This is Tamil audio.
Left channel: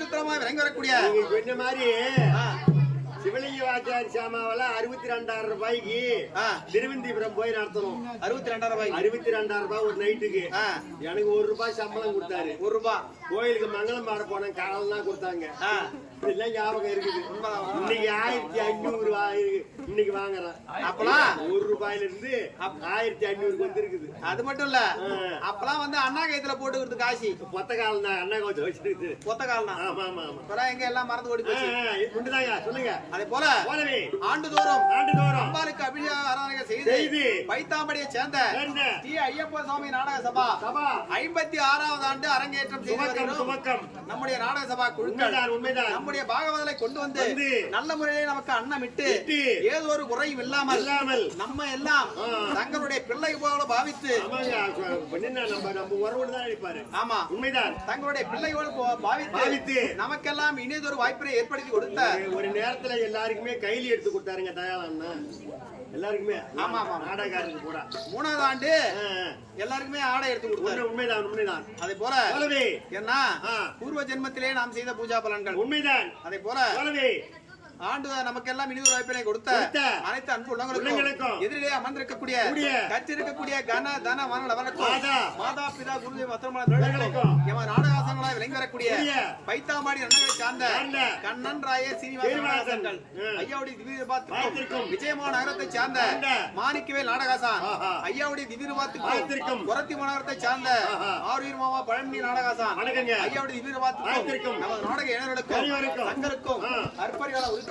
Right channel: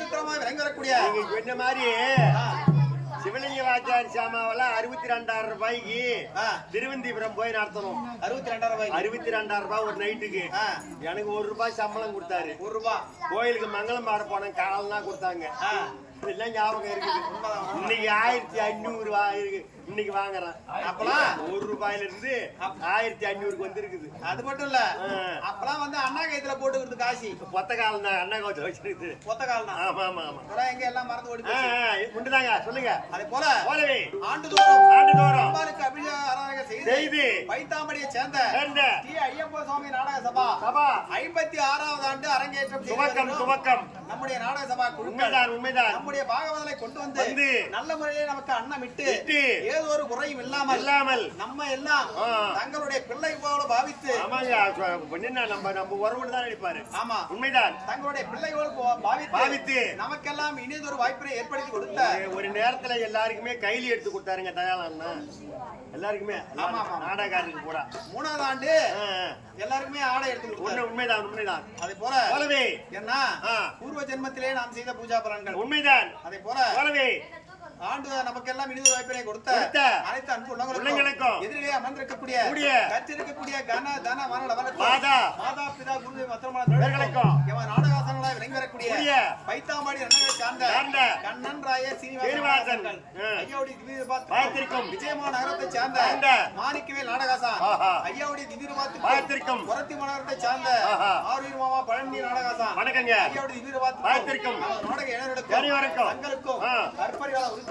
திருத்தலமாய் விளங்கி வரக்கூடிய நீங்க சொன்ன மாதிரி சிவலிங்க வாச்சாரி சாமாவெல்ல 62,000 ரூபாய்க்கு திருவந்திபுரம் போய் நடத்தணும். 62,000 ரூபாய். 62,000 ரூபாய் ஒரு நைட்டுக்கு. எனக்கு 1 ரூபாய் சம்பளம் கொடுத்தாரு. 1 ரூபாய். கோயிலுக்கு மங்களம் பாட போனேன், காலம்லாம் கொடுத்தாங்க. இதெல்லாம் ஞாபகம் இருக்குது. இன்னைக்கு 1500 இருக்கு. இன்னைக்கு வாங்குறேன். அப்பலாம் 1 ரூபாயில இருந்து 1500க்கு வந்திருக்குது. அது மட்டும் இல்ல, அப்பலாம் வந்து அண்ணா கைத்துல போட்டுக்கிறது காசி. பொத்த காலம் தான் அண்ணா கைத்துல வச்சிருக்குது. பொத்த காலம் தான். ஆமா ஆமா ஆமா. இப்ப எங்க எல்லாம் மறந்து ஓடி போச்சு. முண்டுதாங்க சொல்லுங்க. அதே போல போலவே ஆண்டுதோறும் அம்பாளுக்கு அபிஷேக ஆராதனை செய்து பைத்தாம்படியை சேர்ந்த ஸ்ரீ ஐயப்ப சுவாமி நாடக சபா 56வது ஆண்டு அரங்கேற்றம் துவக்கம். நம்முடைய நாடக சபா குழுக்கள் உண்மைதான் நம்முடைய பாகவதலை கொண்டு வந்து நல்ல முறையிலே நமக்கு அன்னமிட்டு ஏதோ ஒரு குறையும் இல்லாமல் நம்ம எல்லாம் தங்களுடைய பிள்ளை போல பாவித்து நம்ம உறவுன்னு தான் நினைப்பாரு. ஆமா உண்மைதான். தங்களுடைய பிள்ளைகள் பாவித்து நமக்கெல்லாம் இனியதொரு வாய்ப்பை ஏற்படுத்தி கொடுத்த ஒரு நேரத்துல எல்லாருக்குமே கைலி எடுத்து கொடுத்தாருங்க தயாளன்னா. எல்லாருக்குமே நாடகாரருக்கு போட 3வது ஆண்டு எல்லாருக்குமே ஆடை எடுத்து கொடுத்தாரு. உண்மைதான். அதே போல என்ன பூர்வ ஜென்மத்திலே நாம் செய்த பூஜா பலன்கள் உண்மைதான். அதே போல ஆண்டு நமக்கெல்லாம் இனிதொரு வாய்ப்பினை கொடுத்த அனைத்து அன்பு உள்ளங்களுக்கும் எதிரிலே அமர்ந்திருக்கக்கூடிய கற்றிருக்கக்கூடிய கன தன மன மாதா பிதா குருதேவ நாடகாசனங்களாய் விளங்கி வரக்கூடிய பைத்தாம்பாடி அண்ணங்களை சார்ந்த கண்ணன் ராய சீனிவாசன் ஐயாவுடைய திவ்யபாத்திற்கும் விஜயமான நகரத்தை சார்ந்த மாணிக்கவேல் நாடகாசான் ஐயாவுடைய திவ்யபாத்திற்கும் புரத்தி மாநகரத்தை சார்ந்த ஆரூர் மாமா பழனி நாடகாசான் ஐயாவுடைய திவ்யபாத்திற்கும் நமது நாடக இளைஞர்களுக்கும் தங்களுக்கும் அற்பரிகால